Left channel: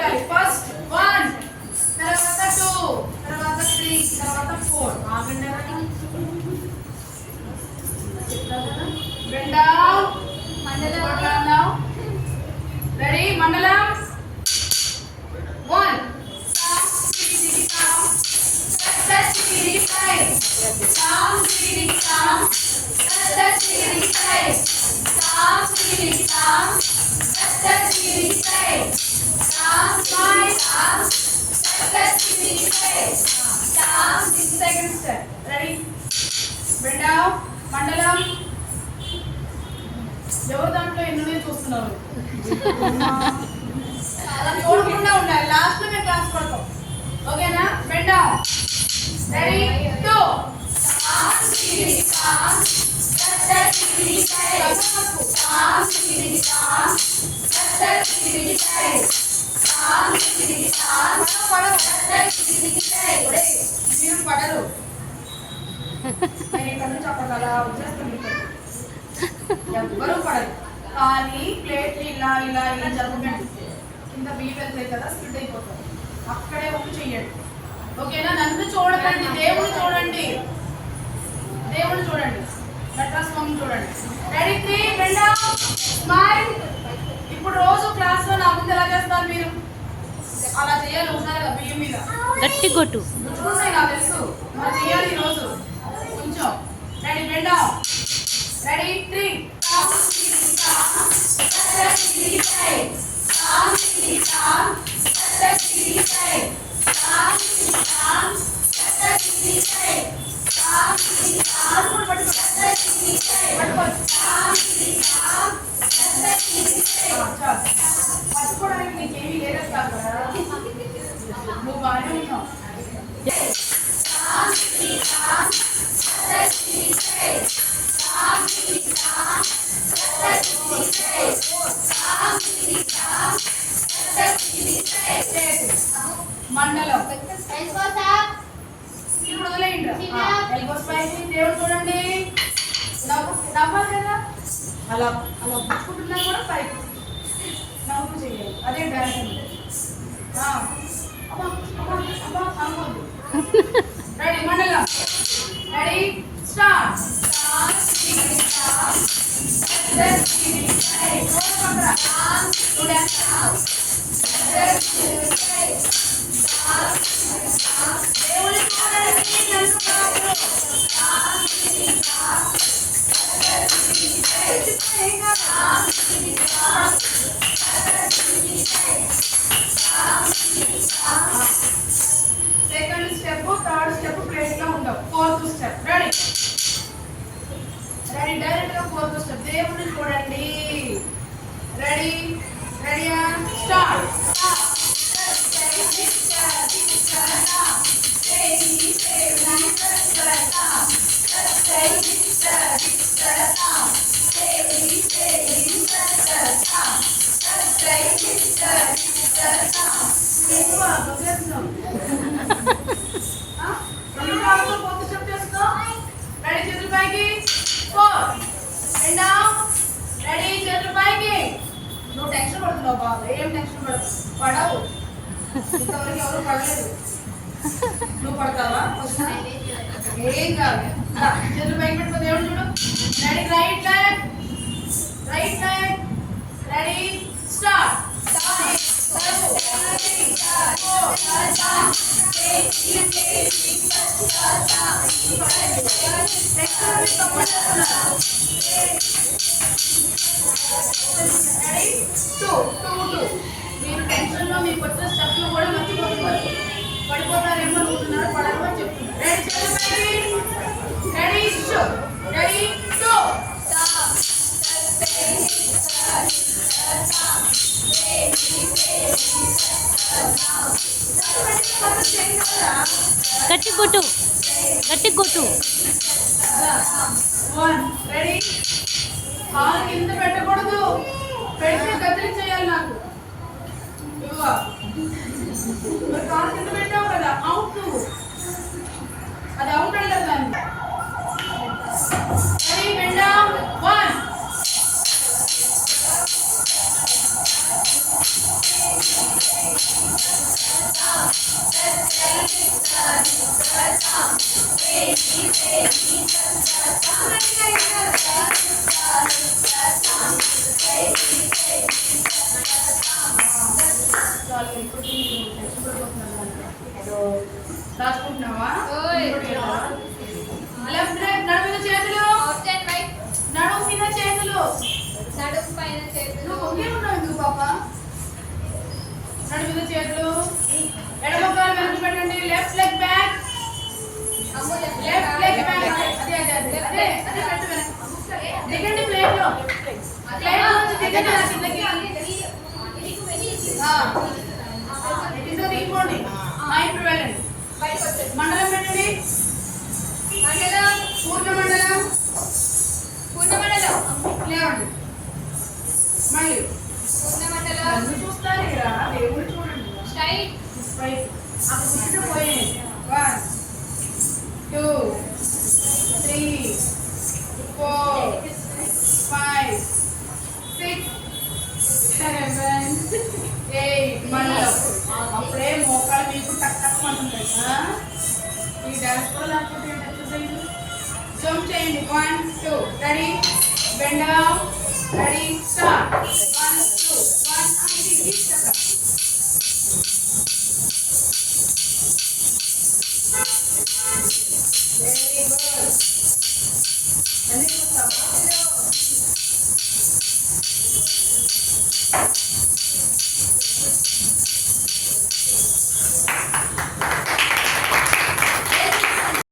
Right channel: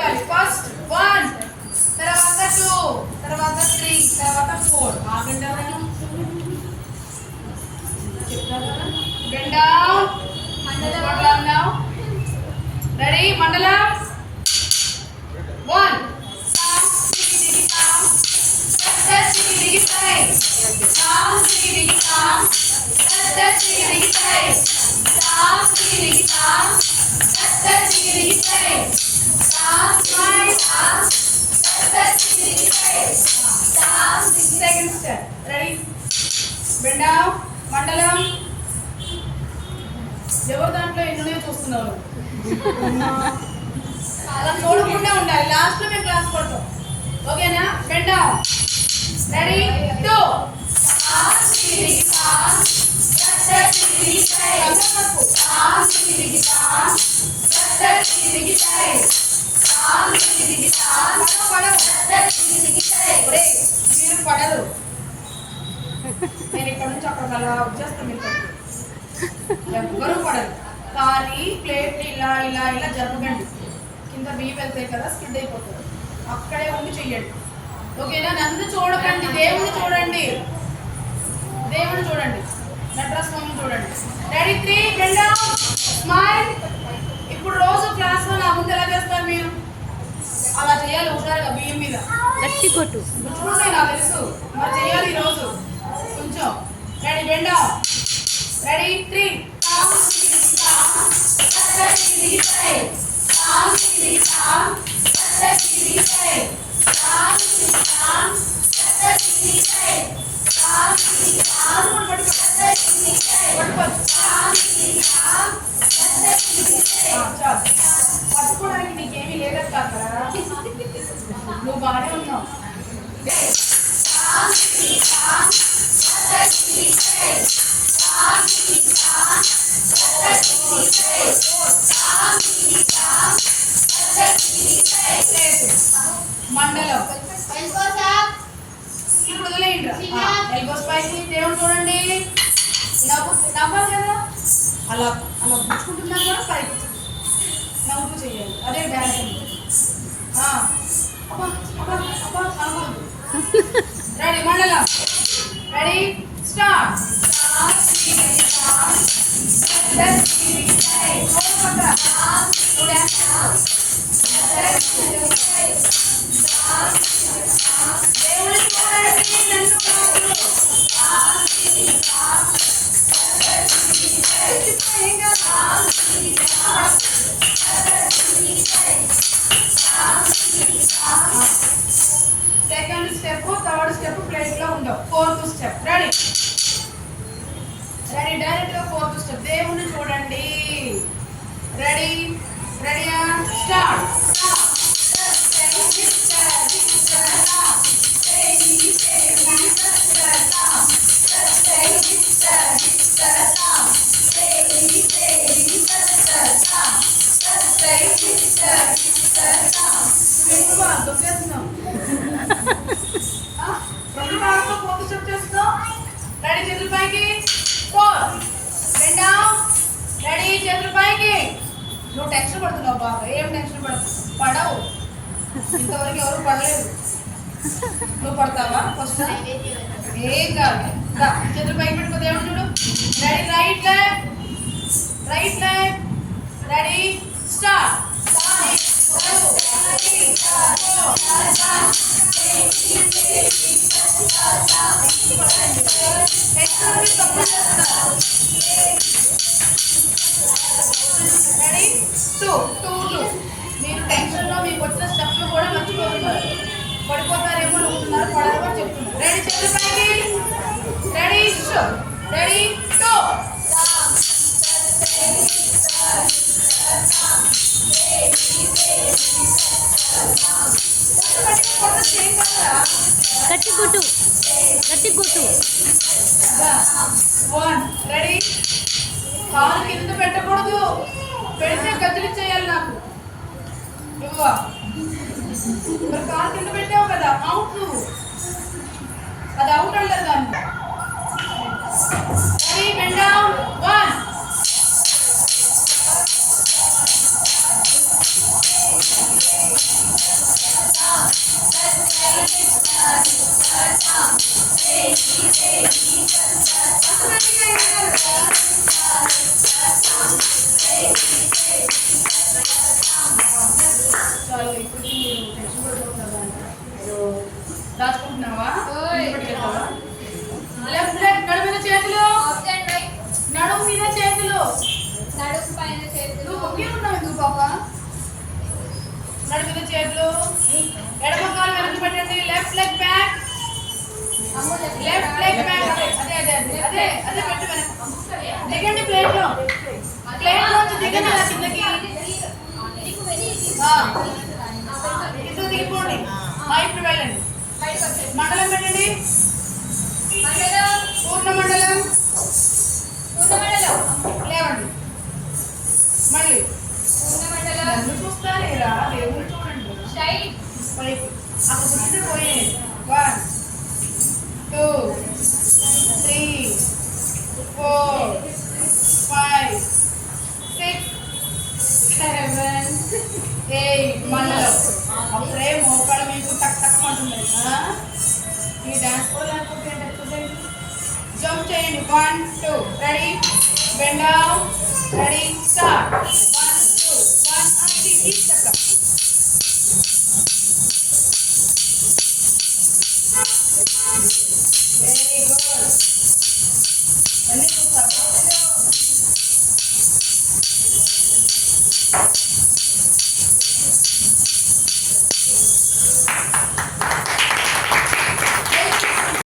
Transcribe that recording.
కొట్టాలి. ఫస్ట్ 1, తర్వాత 2, తర్వాత 3, తర్వాత 4. ఆగండి అవ్వండి. Bend down. Mandalam now. Ready? Mandalam. 1. Sound, diggy, sound. Touch, diggy, side. Sound, diggy, sound. Touch, diggy, side. Sound, diggy, sound. Touch, diggy, side. Sound, smile, sound. Touch, diggy, side. Sound, second step. Ready? Bend down. Mandalam. ఎవరు దాంట్లో ఎన్నో చూస్తున్నారు? అలా చూడకుండా ఉండాలి. Last లో మేము class కొడతాం. ఓకేనా? Bend down. రెడీ 2. మీరు పడరు. నేను ఇక్కడ నుంచి అక్కడ అలా వచ్చేస్తాను. ఎవ్వరు పడరు. కానీ ప్లేట్ ఇలా ఇలా ఇలా జరగండి. కింద బియ్యం వెళ్తాయి కదా, స్ప్లిట్ అయిపోతుంది. అక్కడే ఉండి చెయ్యండి. ఓకేనా? నన్ను చూడకండి, దేవుని చూడండి. దేవుని చూడండి, నటరాజ్ స్వామిని చూడండి. Ready 3, bend down, smile. ఇప్పుడు రోజు క్లాస్ లో నా ముందు ఎలా చేస్తారు మీరు? అలా చేయాలి. హుషారుగా బియ్యం మీద గట్టి కొట్టు గుచ్చుకుంటాయి, నాకు తెలుసు. మరి చేయాలి ఈరోజు కొంచెం. Ready, bend down. రెడీ 3. పట్టుకోవడానికి నీకేమీ లేదక్క అక్కడ. నువ్వు బాగానే ఉన్నావు. మండలం ఇప్పుడు వదిలేయండి. ఎల్బోస్ పైకి దేవుడు చూడండి. నవ్వాలి కదా, అలా అలా పుచ్చుకుంటున్నా కూడా పైకి నవ్వుతూ చేయాలి. అదే డ్యాన్స్ అండి. అనుకోదు. రెడీ మండలం. Ready start. Second step, third step plate లో ఉండవు. Fourth step. Ready ready direct గా ఫోర్త్ స్టెప్. దేవుని చూడండి. Ready ready start. రెడీ చేతుల పైకి. 4. Bend down. రెడీ చేతుల పైకి. నువ్వు టెన్షన్ పడుతున్నావు బాబా. ఏం టెన్షన్ పడవు. ఇంతవరకు ఎవరు పడలేదు. నువ్వు పడతావా? ఫస్ట్ ఏం కాదు. చేతుల పైకి పెట్టుకో. దేవుడు చూడు. Ready right leg, right leg. Ready start. Ready 2. మీరు టెన్షన్ లో మీకు వచ్చిన స్టెప్లు కూడా మర్చిపోతున్నారు. పడిపోతారేమో అనుకుంటున్నారు, పడరు అని చెప్తున్నారు. రెడీ చేతులపైకి. Ready show. రెడీ 2. గట్టి కొట్టు, గట్టి కొట్టు. 1. రెడీ. కాలు కింద పెట్టకూడదు. పెడితే కదిలి చేయాలి నాకు. ఇవ్వ కాలు కింద పెట్టావు కదా, అవుట్. అది అవుట్ అంటారు దాన్ని. Ready bend down. 1. చాలు ఇప్పుడు టెన్షన్ పడిపోతున్నా రాసుకుంటున్నావా లెఫ్ట్ లెగ్ నడుము మీద చేతులు నడుము మీద చేతులు నువ్వు ఒకే ఉన్నావు ఎందుకు పాప నడుము మీద చేతులు ఎడమ కాలు వెనక్కి పెట్టండి left leg back left leg back అదే అదే అదే అదే అదే పెట్టు వెనక్కి దిగండి ప్లేట్ లో దిగండి నా కిందకి ఇందులో దిగిపోండి ఇప్పుడు వెళ్ళండి మండలం పెట్టండి పూర్ణ మండలం లేవండి మళ్ళీ నన్ను చూస్తానేరా దేవుడు చూడండి పైకి అక్కడ కూర్చుంటే పోయాయి 1 2 3 4 5 6 7 8 మండలం అప్పుడే మోకాలు మీకు టక్ టక్ అంటున్నాయి ఈ డాన్స్ కూడా లేకపోతే ఎక్సర్సైజ్ జంప్ చేయండి 1 2 ready bend down ready start